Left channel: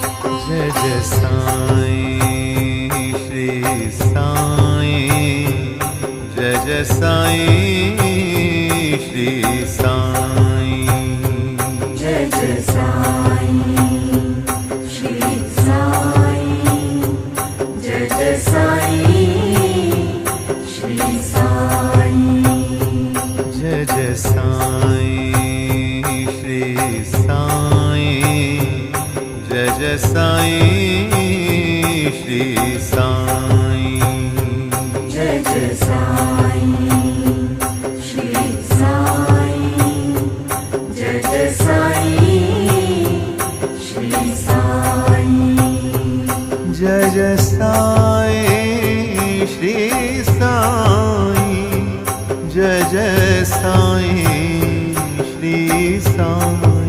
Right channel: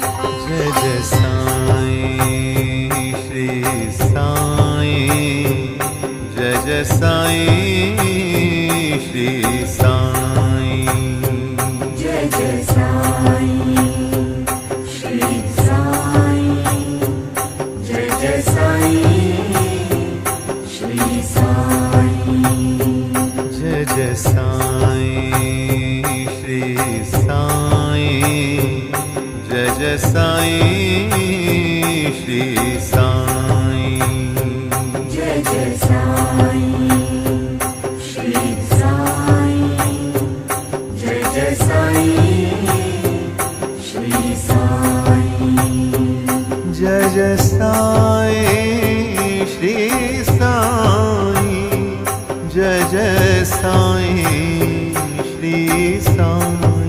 Jai Jai Sai Shri Sai, Jai Jai Sai Shri Sai, Jai Jai Sai Shri Sai, Jai Jai Sai Shri Sai, Jai Jai Sai Shri Sai, Jai Jai Sai Shri Sai, Jai Jai Sai Shri Sai, Jai Jai Sai Shri Sai, Jai Jai Sai Shri Sai, Jai Jai Sai Shri Sai.